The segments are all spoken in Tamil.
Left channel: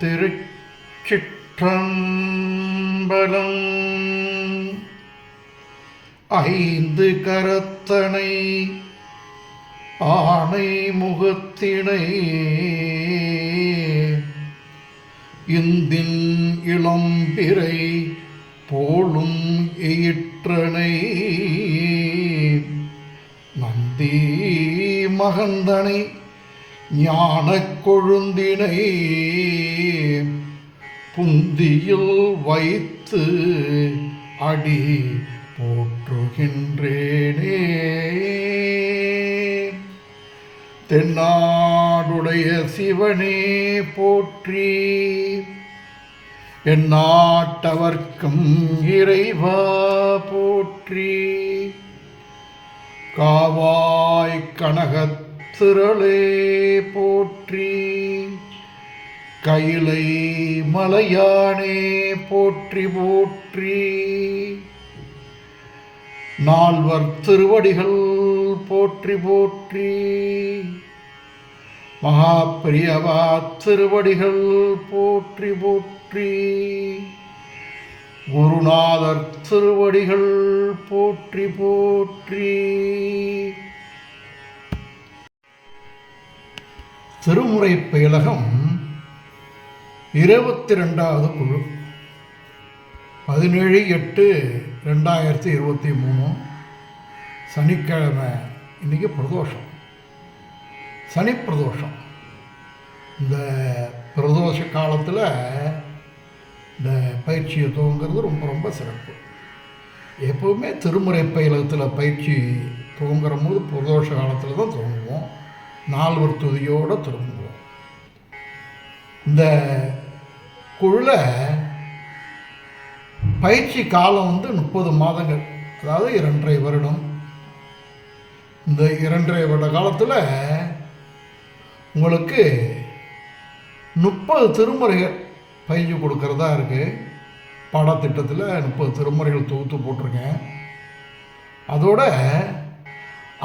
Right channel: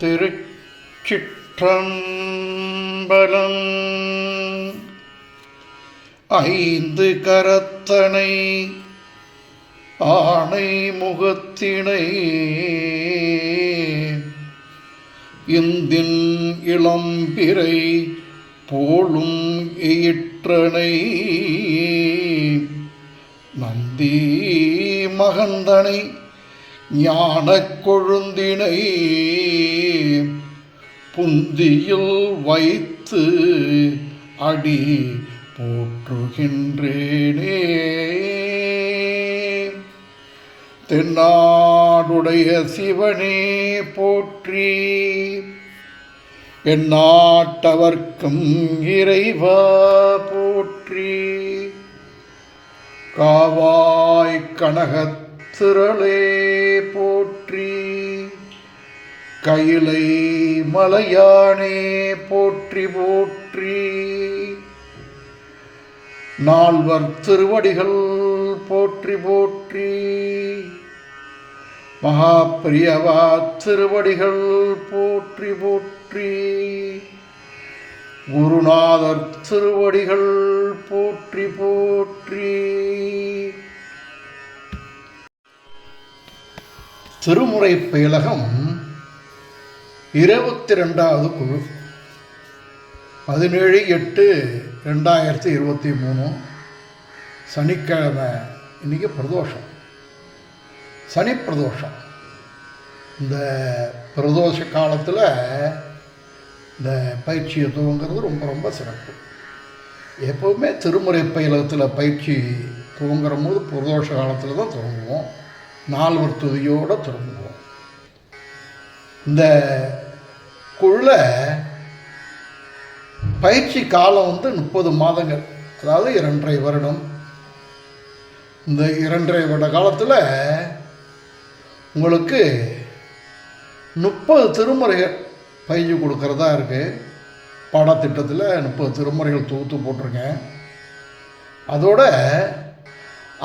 திருச்சிற்றம்பலம். ஐந்து கரத்தனை ஆணை முகத்தினை இந்தின் இளம்பிறை போலும் ஈற்றனை நந்தி மகந்தனை ஞானக் கொழுந்தினை புந்தியில் வைத்து அடி போற்றுகின்றேனே. தென்னாடுடைய சிவனே போற்றி, எந்நாட்டவர்க்கும் இறைவா போற்றி. காவாய் கனகத் திரளே போற்றி, கைலை மலையானே போற்றி போற்றி. நால்வர் திருவடிகள் போற்றி போற்றி. மகாபிரியவா திருவடிகள் போற்றி போற்றி. குருநாதர் திருவடிகள் போற்றி போற்றி. திருமுறை பயிலகம் 22வது குழு, 17/8/2023 சனிக்கிழமை. இன்றைக்கி பிரதோஷம், சனி பிரதோஷம். இந்த பிரதோஷ காலத்தில் இந்த பயிற்சியை துவங்கிறது ரொம்ப ரொம்ப சிறப்பு. எப்போவுமே திருமுறை பயிலகத்தில் பயிற்சி துவங்குற போது பிரதோஷ காலத்தில் தான் துவங்குவோம், நால்வர் துதியோடு திரும்புவோம். இந்த குழுல பயிற்சி காலம் 30 மாதங்கள், அதாவது 2.5 வருடம். இந்த 2.5 வருட காலத்தில் உங்களுக்கு 30 திருமுறைகள் பயிற்சி கொடுக்கறதா இருக்குது. பாடத்திட்டத்தில் 30 திருமுறைகள் தொகுத்து போட்டிருக்கேன். அதோட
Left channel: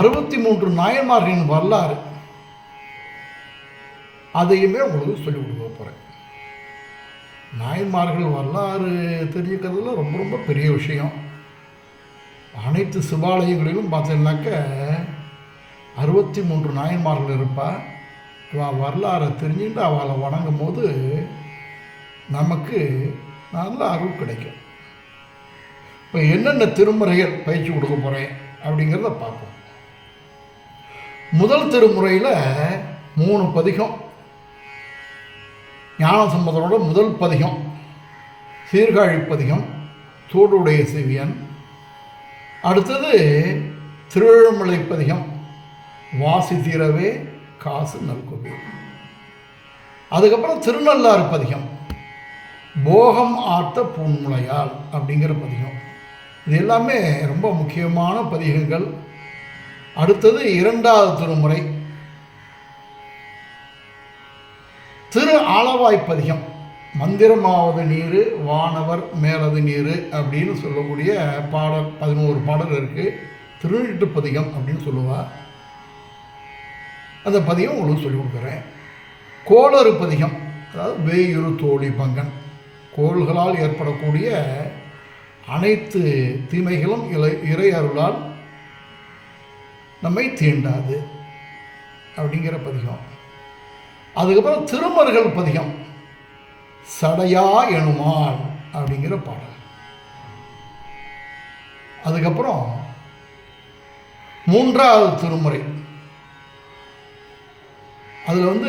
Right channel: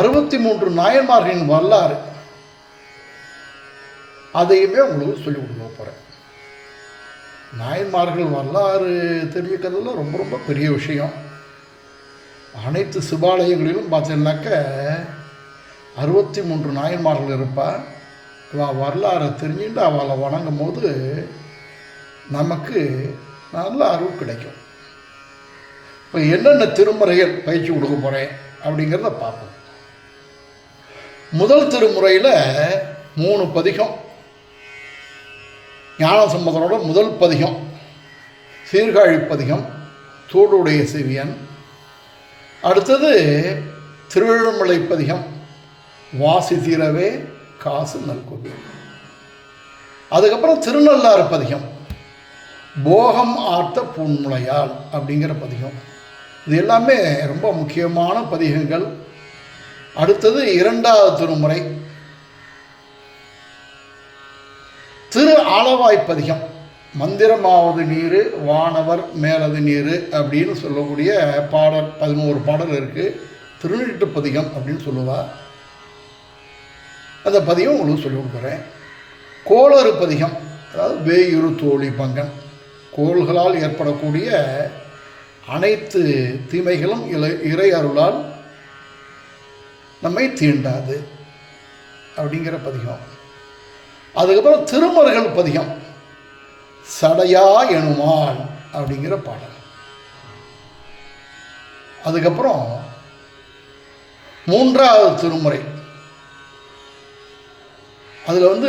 63 நாயன்மார்களின் வரலாறு அதையுமே உங்களுக்கு சொல்லிக் கொடுக்க போகிறேன். நாயன்மார்கள் வரலாறு தெரிஞ்சுக்கிறதுல ரொம்ப ரொம்ப பெரிய விஷயம். அனைத்து சிவாலயங்களிலும் பார்த்தீங்கன்னாக்க 63 நாயன்மார்கள் இருப்பாள். இவள் வரலாறை தெரிஞ்சுட்டு அவளை வணங்கும் போது நமக்கு நல்ல அறிவு கிடைக்கும். இப்போ என்னென்ன திருமுறைகள் பயிற்சி கொடுக்க போகிறேன் அப்படிங்கிறத பார்ப்போம். முதல் திருமுறையில் 3 பதிகம். ஞானசம்பந்தனோட முதல் பதிகம் சீர்காழி பதிகம், தோடுடைய செவியன். அடுத்தது திருவழுமலை பதிகம், வாசி தீரவே காசு நல்கோவில். அதுக்கப்புறம் திருநள்ளாறு பதிகம், போகம் ஆர்த்த பூன்முளையால் அப்படிங்கிற பதிகம். இது எல்லாமே ரொம்ப முக்கியமான பதிகங்கள். அடுத்தது 2வது திருமுறை திரு ஆலவாய்ப்பதிகம், மந்திரமாவது நீர் வானவர் மேலது நீர் அப்படின்னு சொல்லக்கூடிய பாடல் 11 பாடல் இருக்குது. திருநீட்டு பதிகம் அப்படின்னு சொல்லுவா. அந்த பதிகம் உங்களுக்கு சொல்லிக் கொடுக்குறேன். கோளறு பதிகம், அதாவது வேயுறு தோழி பங்கன், கோள்களால் ஏற்படக்கூடிய அனைத்து தீமைகளும் இறை அருளால் நம்மை தீண்டாது அப்படிங்கிற பதிகம். அதுக்கப்புறம் திருமறைகள் பதிகம், சடையா எனுமால் அப்படிங்கிற பாடல். அதுக்கப்புறம் 3வது திருமுறை, அதில்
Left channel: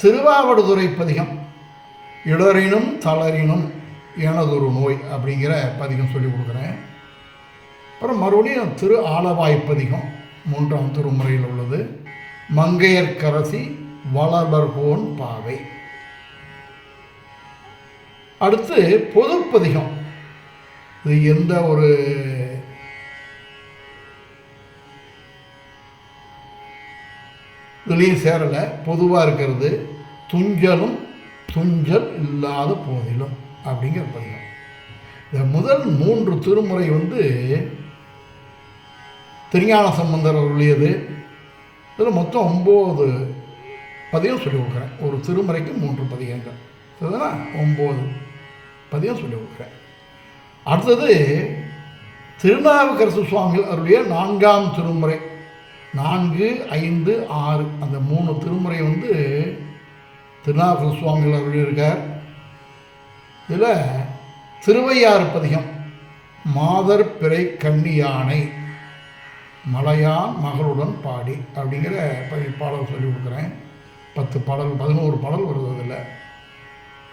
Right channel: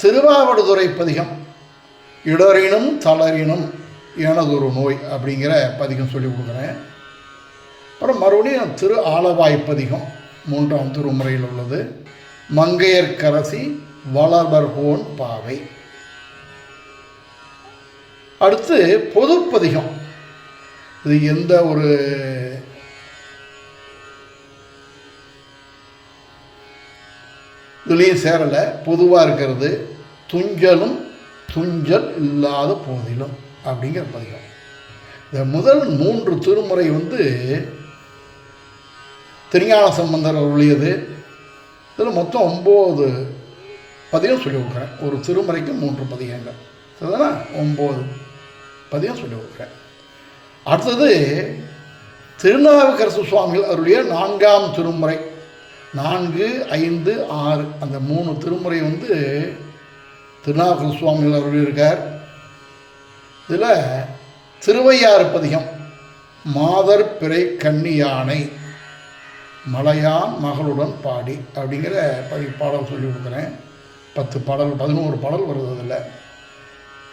திருவாவடுதுறை பதிகம், இடரினும் தளரினும் எனதொரு நோய் அப்படிங்கிற பதிகம் சொல்லி கொடுக்குறேன். அப்புறம் மறுபடியும் திரு ஆலவாய் பதிகம் 3ஆம் திருமுறையில் உள்ளது, மங்கையர்க்கரசி வளர்பர்கோன் பாவை. அடுத்து பொதுப்பதிகம். இது எந்த ஒரு இதுலேயும் சேரலை, பொதுவாக இருக்கிறது. துஞ்சலும் துஞ்சல் இல்லாத போதிலும் அப்படிங்கிற பதிகம். இந்த முதல் 3 திருமுறை திருஞான சம்பந்தர் அருளியது. இதில் மொத்தம் 9 பதியம் சொல்லி கொடுக்குறேன். ஒரு திருமுறைக்கு 3 பதியங்கள், சரிதானா? 9 பதியம் சொல்லி கொடுக்குறேன். அடுத்தது திருநாவுக்கரசு சுவாமிகள் அவருடைய 4ஆம் திருமுறை, 4, 5, 6 அந்த 3 திருமுறை திருநாவுக்கரசு சுவாமிகள் அவருடைய இருக்கார். இதில் திருவையாறு பதிகம், மாதர் பிறை கன்னியானை மலையான் மகளுடன் பாடி அப்படிங்கிற பாடல் சொல்லி கொடுக்குறேன். 10 பாடல் 11 பாடல் வருது இதில்.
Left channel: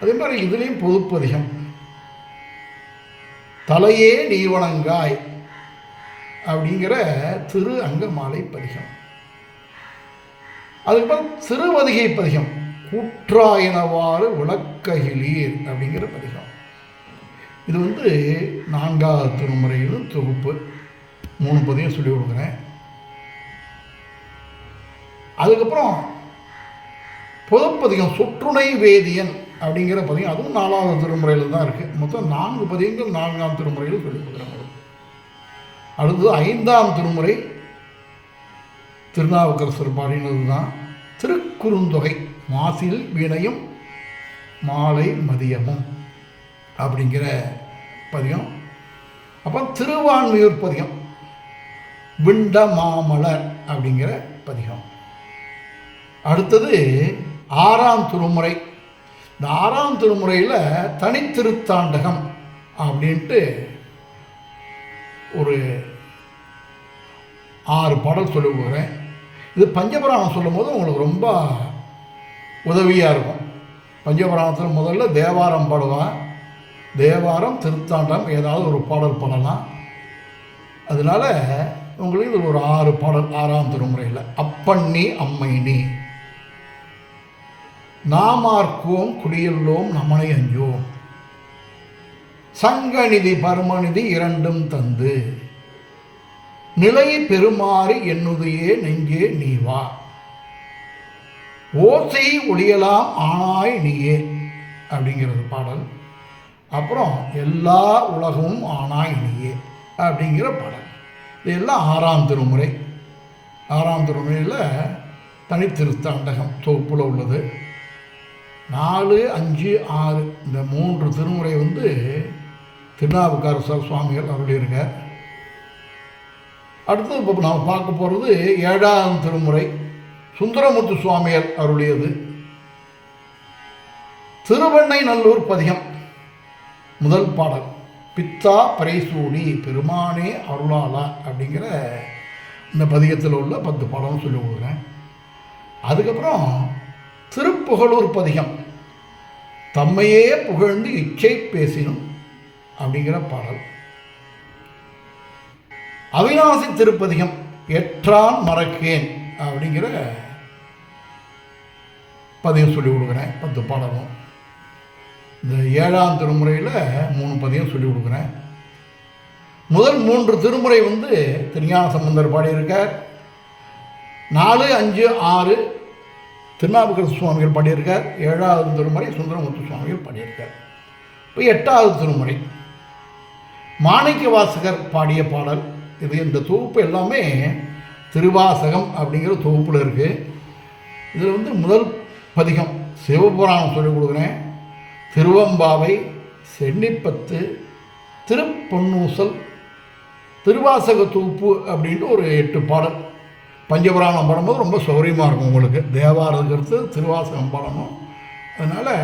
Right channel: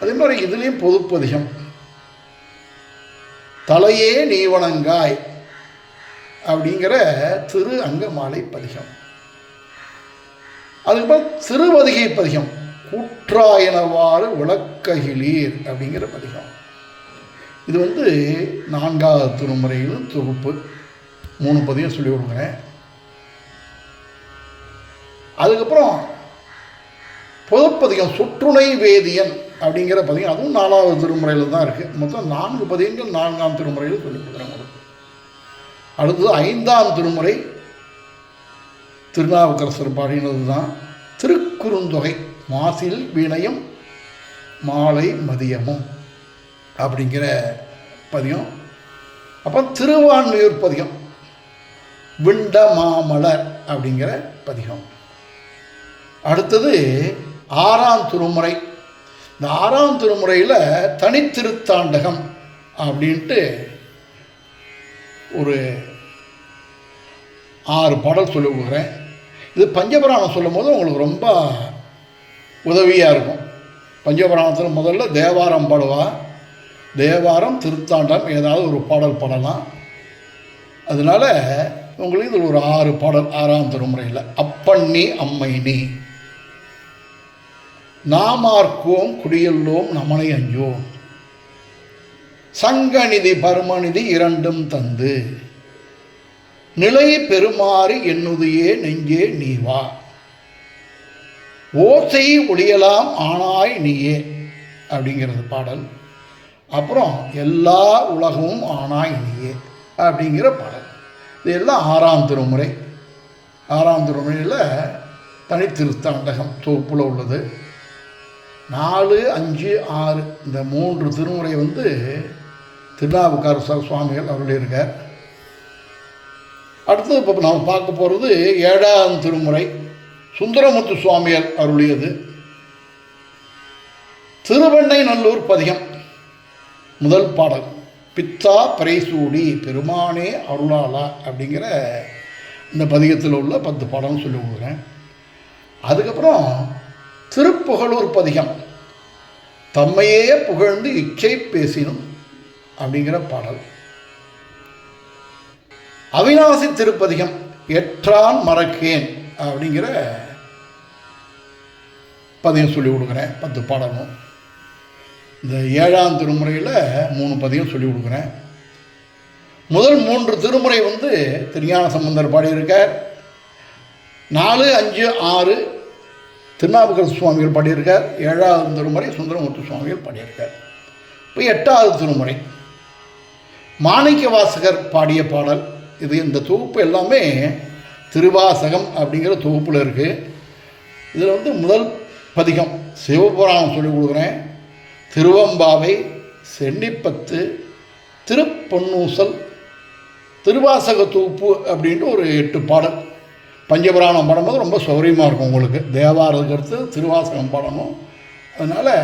அதே மாதிரி இதுலேயும் பொதுப்பதிகம், தலையே நீ வணங்காய் அப்படிங்கிற திரு அங்கமாலை பதிகம். அதுக்கப்புறம் திருவதிகை பதிகம், கூற்றாயினவாறு விளக்ககிலீர் அப்படிங்கிற பதிகம். இது 4ஆவது திருமுறையில் தொகுப்பு, 3 பதியம் சொல்லி கொடுக்குறேன். அதுக்கப்புறம் பொதுப்பதிகம் சொற்றுணை வேதியன் அப்படிங்கிற பதிகம், அதுவும் 4ஆவது திருமுறையில் தான் இருக்குது. மொத்தம் 4 பதியங்கள் 4ஆம் திருமுறையில் சொல்லி கொடுக்குறாங்க. அடுத்தது 5ஆம் திருமுறை திருநாவுக்கரசர் பாடினது தான் திருக்குறுந்தொகை, மாசில் வீணையும் மாலை மதியமும் அப்படிங்கிற பதியம். அப்போ திருவான்மியூர் பதிகம், விண்ட மாமலர் அப்படிங்கிற பதிகம். அடுத்தது 6ஆம் திருமுறை. இந்த 6ஆம் திருமுறையில் தனித்திருத்தாண்டகம் அப்படின்ட்டு ஒரு 6 பாடல் சொல்லி கொடுக்குறேன். இது பஞ்சபுராணம் சொல்லும் போது உங்களுக்கு ரொம்ப உதவியாக இருக்கும். பஞ்சபுராணத்தில் முதல்ல தேவாரம் பாடுவா, தேவாரம் திருத்தாண்டம் ஏதாவது ஒரு பாடல் பாடலாம். அதனால உங்களுக்கு இது ஒரு 6 பாடல் 6ஆம் திருமுறையில். அப்பண்ணி அம்மை நீ, நாமார்க்கோம் குடியல்லோம் நமனை அஞ்சோம், சங்கநிதி பரமநிதி இரண்டும் தந்து, நிலை பெருமாறு என்னுதையே நெஞ்சே நீவா, ஓசை ஒளியலாம் ஆனாய் நீயே அப்படிங்கிறது பாடல். அப்புறம் எல்லா உலகமும் ஆனாய் நீயே அப்படிங்கிற பாடல். இது எல்லாம் 6ஆம் திருமுறை. 6ஆம் திருமுறையில் தனித்திருத்தாண்டகம் தொகுப்பில் உள்ளது. 4, 5, 6 இந்த 3 திருமுறை திருநாவுக்கரசர் சுவாமிகள் அவருடைய இருக்கார். அடுத்தது இப்போ நாம் பார்க்க போகிறது 7ஆம் திருமுறை, சுந்தரமுத்து சுவாமிகள் அவருடையது. திருவெண்ணை நல்லூர் பதிகம், முதல் பாடல், பித்தா பரைசூடி பெருமானே அருளாளா அப்படிங்கிற இந்த பதிகத்தில் உள்ள 10 பாடல்னு சொல்லி கொடுக்குறேன். அதுக்கப்புறம் திருப்புகழூர் பதிகம், தம்மையே புகழ்ந்து இச்சை பேசினும் அப்படிங்கிற பாடல். அவிநாசி திருப்பதிகம், எற்றான் மறக்கேன் அப்படிங்கிற பதியம் சொல்லி கொடுக்குறேன். 10 பாடலும். இந்த 7ஆம் திருமுறையில் 3 பதியம் சொல்லி கொடுக்குறேன். முதல் 3 திருமுறை திருஞான சம்பந்தர் பாடியிருக்கார். 4, 5, 6 திருநாவுக்கரசு சுவாமிகள் பாடியிருக்கார். 7ஆவது திருமுறை சுந்தரமுத்து சுவாமிகள் பாடியிருக்கார். இப்போ 8ஆவது திருமுறை மாணிக்க வாசகர் பாடிய பாடல். இது இந்த தொகுப்பு எல்லாமே திருவாசகம் அப்படிங்கிற தொகுப்பில் இருக்குது. இதில் முதல் பதிகம் சிவபுராணம் சொல்லிக் கொடுக்குறேன். திருவம்பாவை, சென்னிப்பத்து, திருப்பொன்னூசல், திருவாசக தொகுப்பு அப்படின்ட்டு ஒரு 8 பாடல். பஞ்சபுராணம் பாடும்போது ரொம்ப சௌரியமாக இருக்கும் உங்களுக்கு. தேவாரத்துக்கு அடுத்து திருவாசகம் பாடணும். அதனால்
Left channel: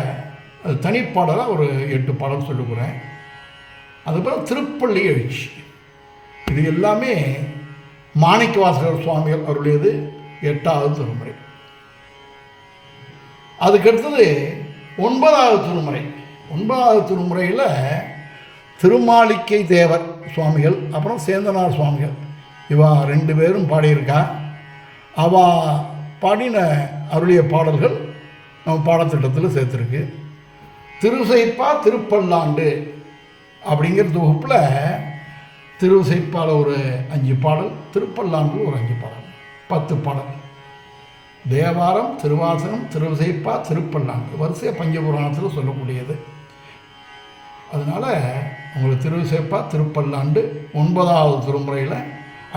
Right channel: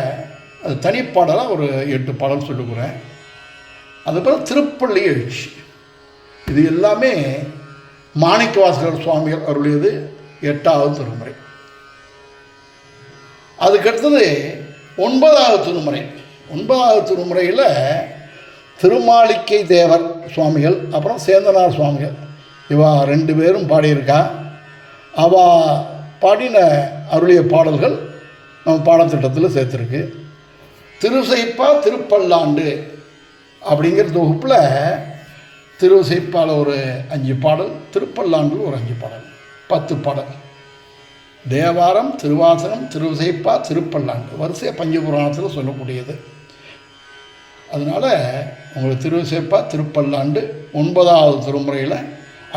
அது தனிப்பாடலாக ஒரு 8 பாடல் சொல்லிக்கிறேன். அதுக்கப்புறம் திருப்பள்ளி எழுச்சி, இது எல்லாமே மாணிக்க வாசகர் சுவாமிகள் அவருடையது, 8ஆவது திருமுறை. அதுக்கடுத்தது 9ஆவது திருமுறை. 9ஆவது திருமுறையில் திருமாளிகை தேவர் சுவாமிகள் அப்புறம் சேந்தனார் சுவாமிகள் இவா 2 பேரும் பாடியிருக்கா. அவள் பாடின அருளிய பாடல்கள் நம்ம பாடத்திட்டத்தில் சேர்த்துருக்கு. திருசைப்பா திருப்பல்லாண்டு அப்படிங்கிற தொகுப்பில் திருசைப்பால் ஒரு 5 பாடல், திருப்பல்லாண்டு ஒரு 5 பாடல், 10 பாடல். தேவாரம், திருவாசகம், திருவிசைப்பா, திருப்பல்லாண்டு வரிசையாக பஞ்சபுராணத்தில் சொல்லக்கூடியது. அதனால் உங்களுக்கு திருவிசைப்பா, திருப்பல்லாண்டு 9ஆவது திருமுறையில்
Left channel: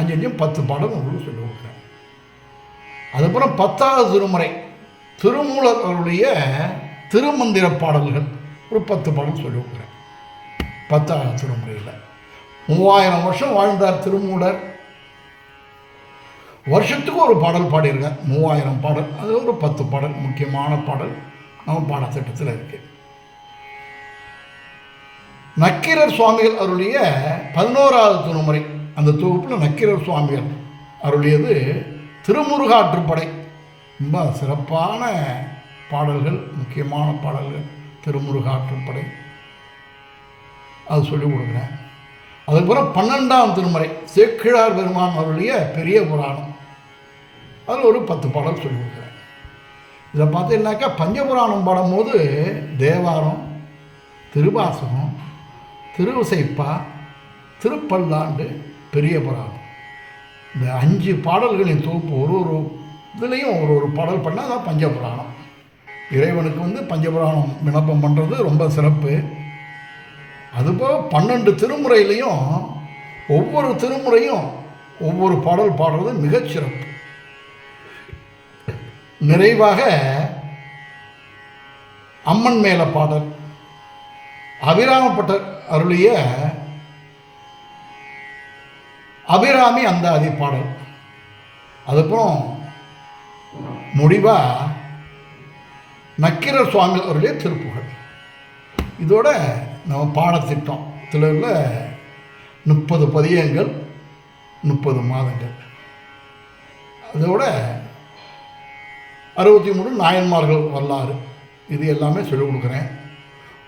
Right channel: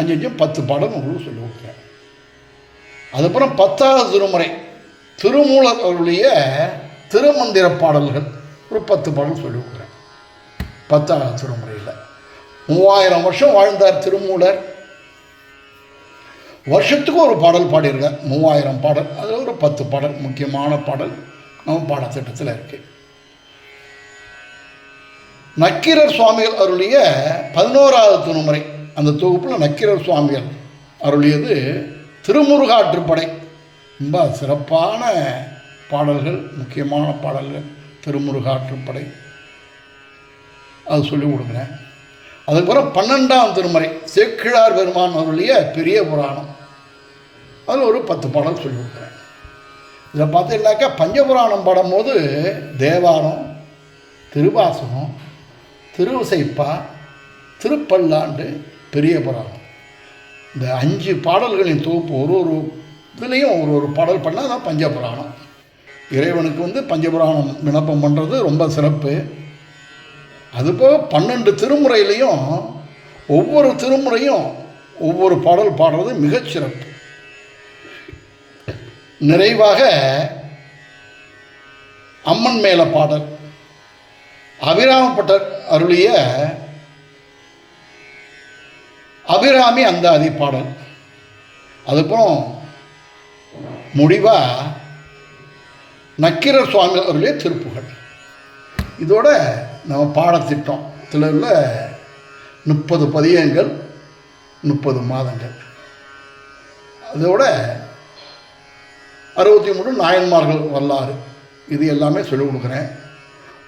5 10 பாடல் உங்களுக்கு சொல்லிக் கொடுக்குறேன். அதுக்கப்புறம் 10ஆவது திருமுறை திருமூலர் அவருடைய திருமந்திர பாடல்கள் ஒரு 10 பாடல் சொல்லி கொடுக்குறேன். 10ஆம் திருமுறையில் 3000 வருஷம் வாழ்ந்தார் திருமூலர். வருஷத்துக்கு ஒரு பாடல் பாடியிருக்கார். 3000 பாடல், அதில் ஒரு 10 பாடல் முக்கியமான பாடல் நம்ம பாடத்திட்டத்தில் இருக்கு. நக்கீரர் சுவாமிகள் அருளிய 11ஆவது திருமுறை, அந்த தொகுப்பில் நக்கீரர் சுவாமிகள் அருளியது திருமுருகாற்றுப்படை. ரொம்ப சிறப்பான பாடல்கள், முக்கியமான பாடல்கள் திருமுருகாற்றுப்படை. அது சொல்லிக் கொடுக்குறேன். அதுக்கப்புறம் 12ஆம் திருமுறை சேக்கிழார் பெருமான் அருளிய பெரிய புராணம், அதில் ஒரு 10 பாடல் சொல்லி கொடுக்குறேன். இதை பார்த்தீங்கன்னாக்கா பஞ்சபுராணம் பாடும்போது தேவாரம், திருவாசகம், திருவிசைப்பா, திருப்பல்லாண்டு, பெரிய புராணம், இந்த 5 பாடல்களின் தொகுப்பு ஒரு இதுலேயும் ஒரு பாடல் பண்ணால் தான் பஞ்சபுராணம். இறைவனுக்கு பஞ்சபுராணம் விண்ணப்பம் பண்ணுறது ரொம்ப சிறப்பு. அதுபோல் 12 திருமுறையிலையும் ஒவ்வொரு திருமுறையும் ஒவ்வொரு பாடல் பாடுறது மிகச்சிறப்பு. நிறைவாக அம்மன் மேல பாடல், அபிராமப்பட்டர் அருளிய அபிராமி அந்தாதி பாடல், அதுக்கப்புறம் முடிவா நக்கீரர் சுவாமி அருளிய திருப்புகழ். இதோட நம்ம பாடத்திட்டம் இதில் 30 பதியங்கள், 30 மாதங்கள், அதோட 63 நாயன்மார்கள் வரலாறு, இது எல்லாமே சொல்லிக் கொடுக்குறேன்.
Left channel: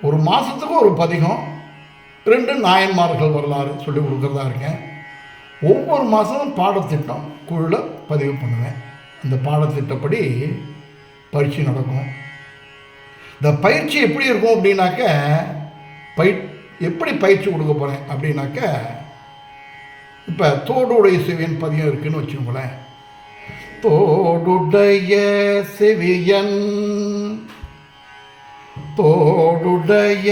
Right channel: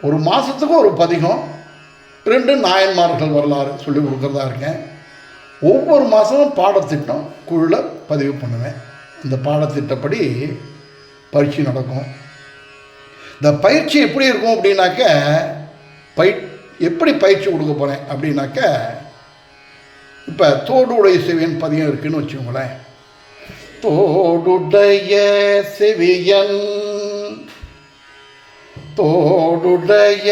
ஒரு மாதத்துக்கு ஒரு பதிகம், 2 நாயன்மார்கள் வரலாறு சொல்லிக் கொடுக்குறதா இருக்கேன். ஒவ்வொரு மாதமும் பாடத்திட்டம் குழுவில் பதிவு பண்ணுவேன். இந்த பாடத்திட்டப்படி பயிற்சி நடக்கும். இந்த பயிற்சி எப்படி இருக்கும் அப்படின்னாக்க, எப்படி பயிற்சி கொடுக்க போகிறேன் அப்படின்னாக்க, இப்போ தோடுடைய செவியன் பதியம் இருக்குதுன்னு வச்சுக்கோங்களேன். தோடுடைய செவியன், தோடுடைய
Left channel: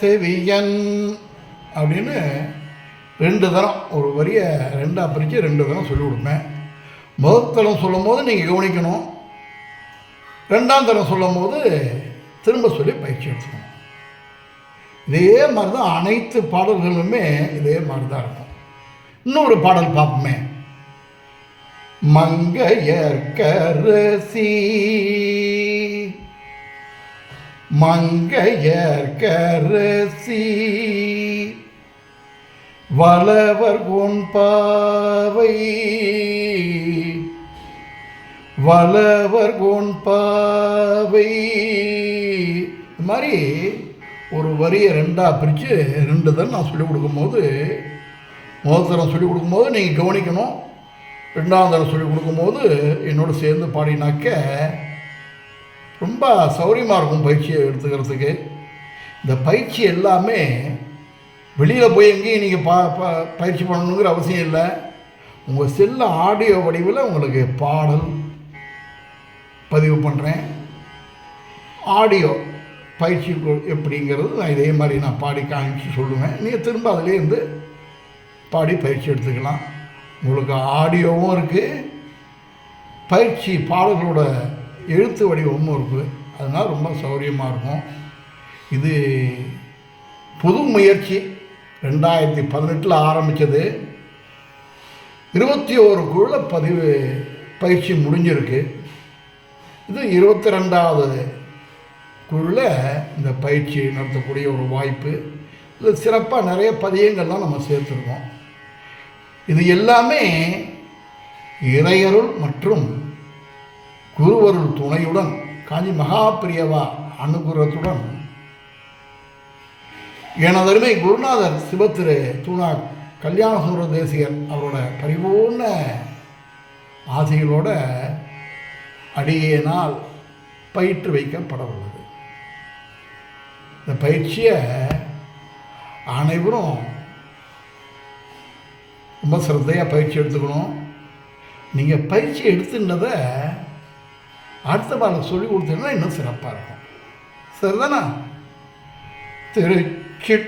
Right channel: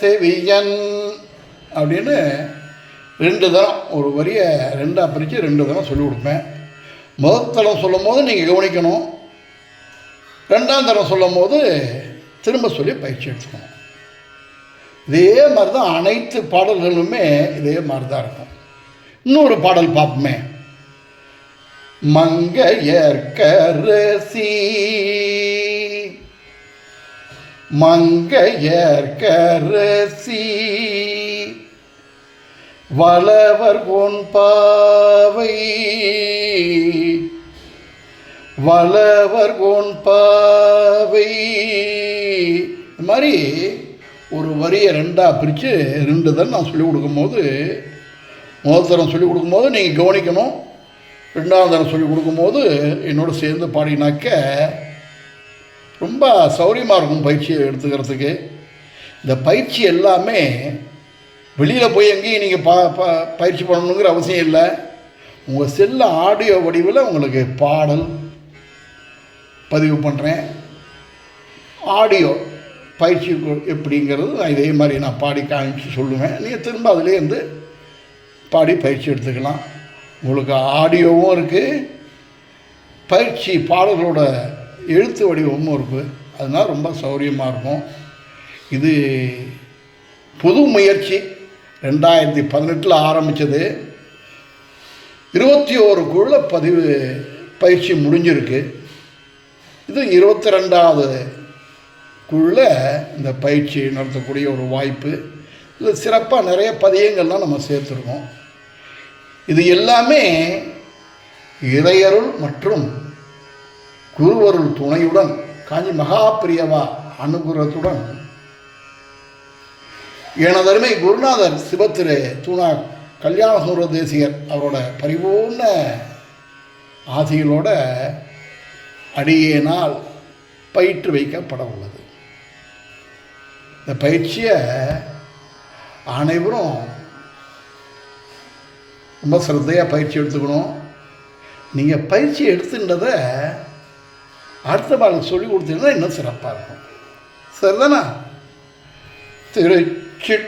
செவியன் அப்படின்னு 2 தரம், ஒரு வரியை 2ஆக பிரித்து 2 தரம் சொல்லிக் கொடுப்பேன். முதல் தரம் சொல்லும் போது நீங்கள் கவனிக்கணும், 2ஆம் தரம் சொல்லும் போது திரும்ப சொல்லி பயிற்சி எடுத்துக்கணும். இதே மாதிரி தான் அனைத்து பாடல்களுமே இதே மாதிரி தான் இருக்கும். இன்னொரு பாடல் பார்ப்போமே. மங்கையர்க்கரசி, மங்கையர்க்கரசி, வளவர் கோன்பாவை, வளவர் கோன்பாவை. இது மாதிரி ஒரு வரியை 2ஆக பிரித்து 2 தரம் நான் சொல்லிக் கொடுக்கும்போது, முதல் தரம் சொல்லிக் கொடுக்கும்போது நீங்கள் கவனிக்கணும், 2ஆம் தரம் சொல்லிக் கொடுக்கும்போது என்னோடு சேர்ந்து பாடினாக்க ரொம்ப சௌரியமாக இருக்கும் பயிற்சியை எடுத்துக்கிறதுக்கு. இந்த பயிற்சி எல்லாமே வெளியில் போய் எங்கேயும் நீங்கள் பயிற்சி பண்ணணுங்கிற அவசியம் இல்லை. உங்கள் செல்ல ஆடியோ வடிவில் உங்களுக்கு பாடல் பதிவு பண்ணுறேன். ஆடியோ பயிற்சி எப்படிங்கிறது நான் இதே மாதிரி நான் பாடி காமிச்சு சொல்லுவேன். நீங்கள் திரும்ப அதிலேருந்து பாடி பயிற்சி எடுத்துக்கலாம். உங்களுக்கு ஆடியோவும் இருக்குது, பயிற்சி பாடல்களோட எழுத்து வடிவமும் இருக்குது. அதனால் ரொம்ப சௌரியமாக இருக்கும். இது புது முயற்சி, 2018 ஆரம்பித்தது. 21 குழுல பயிற்சி முடிஞ்சிருக்கு. இது 22வது குழுவில் இந்த பயிற்சி நடத்தக்கூடிய ஒரு வாய்ப்பு. இதில் சிறப்பாக நிறைய பதியங்கள்லாம் நம்ம சேர்த்துருக்கோம். இது எல்லாமே இறையருள் மற்றும் குருவருள் துணையுடன், காஞ்சி மகாபிரியவா அனுகிரகத்துடன், எனதருமை குருநாதர் சிவத்திரு தூணா கல்யாண சுந்தர தேசிகர் அவரோட பரிபூர்ண ஆசிகளோட அடியேனால் பயிற்று வைக்கப்பட உள்ளது. இந்த பயிற்சியை அனைவரும் ரொம்ப சிரத்தையாக பயிற்சி எடுத்துக்கணும். நீங்கள் பயிற்சி எடுத்துன்றதை அடுத்த பாடல் சொல்லி கொடுத்தீங்கன்னா இன்னும் சிறப்பாக இருக்கும். சரிதானா? திருச்சிற்றம்பலம்.